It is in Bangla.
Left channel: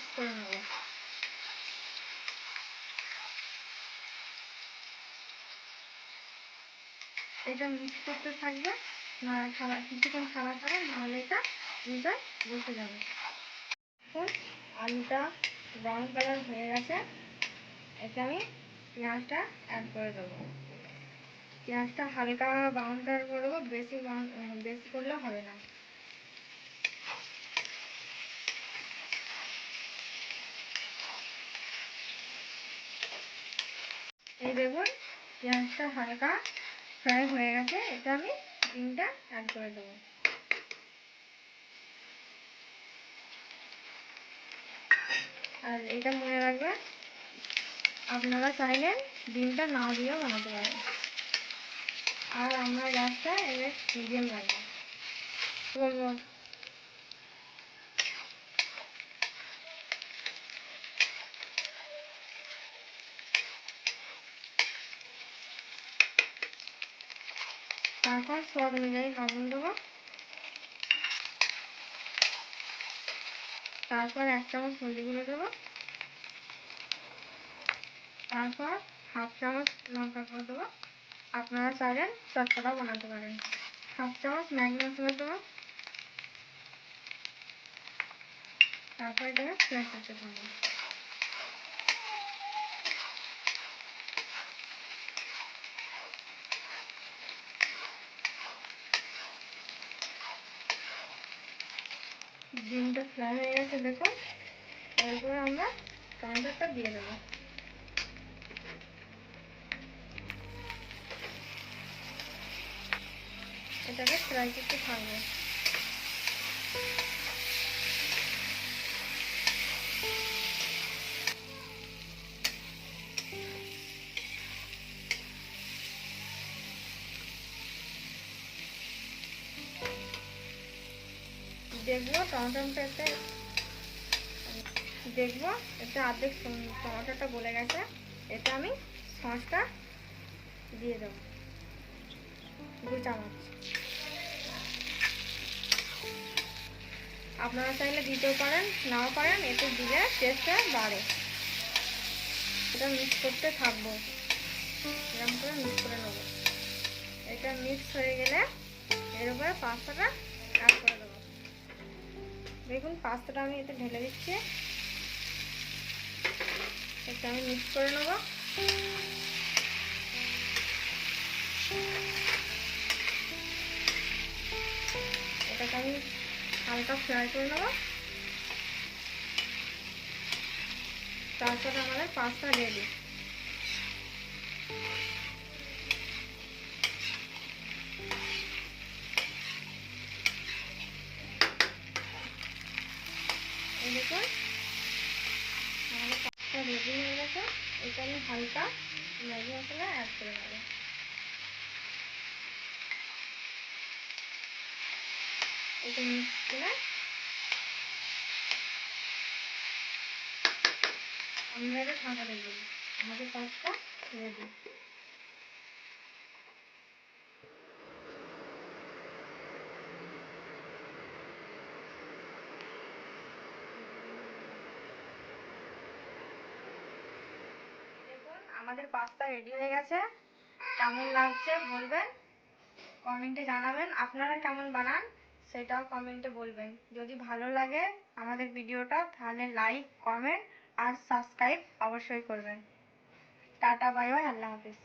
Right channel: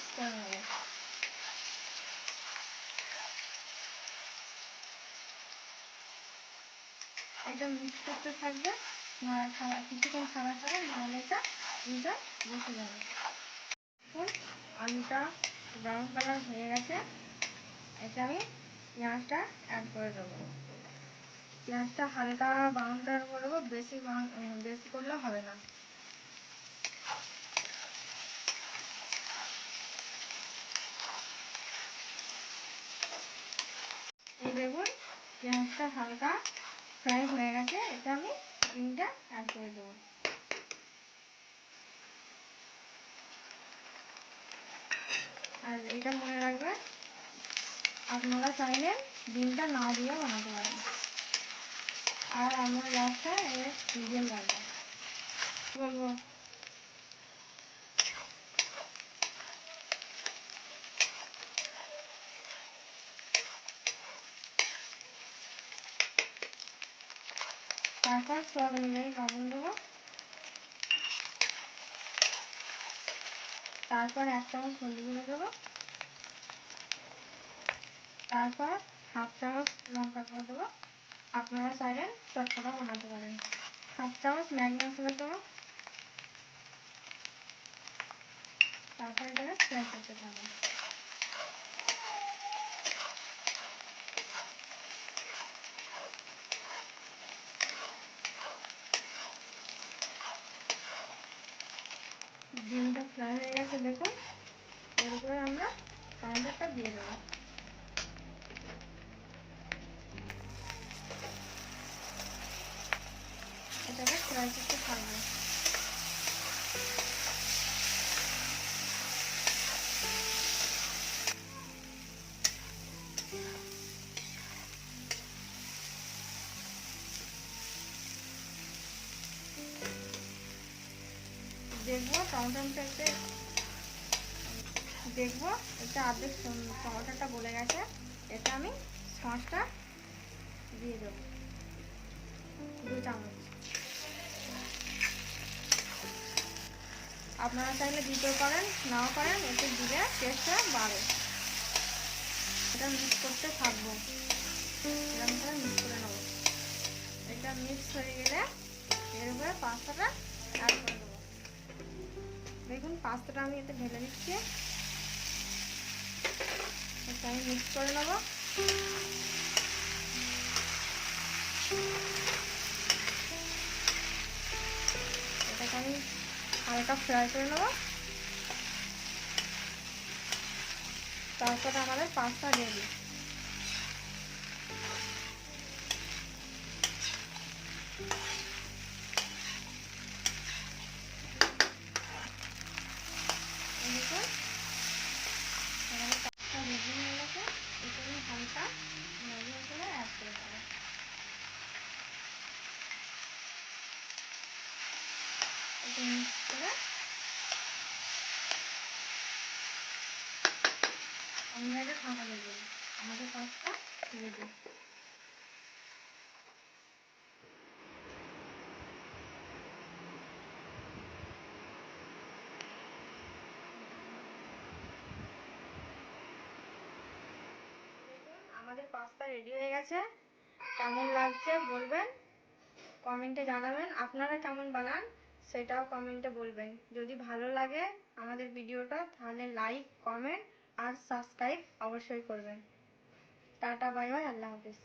মিক্স করে নেব। এটা মিক্স করতে থাকবে, কিছুক্ষণ ছাড়া ছাড়া, নাহলে এটা দুইটা বসে যাবে। এখন আলুটা ব্রাউন কালার হয়ে গেছে, এটা আমি পেঁয়াজটা অ্যাড করে দেবো। পেঁয়াজটা হালকা ব্রাউন কালার করবো, বেশি করলে হবে না। এই দেখুন পেঁয়াজটা হালকা ফ্রাই হয়ে গেছে, এটা আমি ডিমটা অ্যাড করে দেবো। আর এটা মনে রাখবেন, আপনারা চাইলে ডিমটা না দিয়েও বানাতে পারেন। আর আমরা গ্যাসটা মিডিয়াম রাখবো। তারপর স্বাদ অনুযায়ী লবণ দেবো। তারপর 1 চামচ হলদি গুঁড়ো দেবো। তারপর 1/2 চামচ লঙ্কা গুঁড়ো দেবো। আপনারা চাইলে চটপটা বানাতে পারেন। 1/2 চামচ ম্যাগি মশলা দেবো। তারপর এটাকে ফ্রাই করতে থাকবো। ডিমটা ফ্রাই হয়ে গেছে দেখুন। এরপরে আমরা টমেটোটা দিয়ে দেবো। এটাকে ফ্রাই করতে থাকবো। দেখবো এতে অর্ধেক টমেটোটা গলে গেছে। এটা আমি সসটা দিয়ে দেবো 2 চামচ। আপনারা চাইলে দিতেও পারেন, নাও পারেন, এতে দিলে টেস্টটা বাড়ে। এটা মিক্স করতে থাকবো, এরকম করে মিক্স করে নেব। এটা মিক্স হয়ে গেলে এর উপরে পাস্তাটা অ্যাড করে দেবো। দেখুন পাস্তাটা আমি এতে ঢেলে দিচ্ছি। এটা আমি মিক্স করে নেব। এটাকে আমি হালকা ফ্রাই করে নেব। তারপরে আমাদের পাস্তা রেডি। দেখুন আমাদের পাস্তা রেডি হয়ে গেছে। এটা আমি হালকা ম্যাগি মশলা অ্যাড করে নেব। এটা মিক্স করে আমরা এটা ঠান্ডা করে দেবো। আমাদের পাস্তা রেডি। দেখুন আমাদের পাস্তা রেডি হয়ে গেছে। কেমন লাগছে বলবেন, কমেন্টে জানাবেন। আপনারা কেমন বানান সেটাও কমেন্টে বলবেন। যদি ভালো লাগে আমাদের ভিডিওটা তাহলে লাইক, কমেন্ট আর সাবস্ক্রাইব অবশ্যই করবেন। টাটা, বাই বাই, আল্লাহ হাফিজ।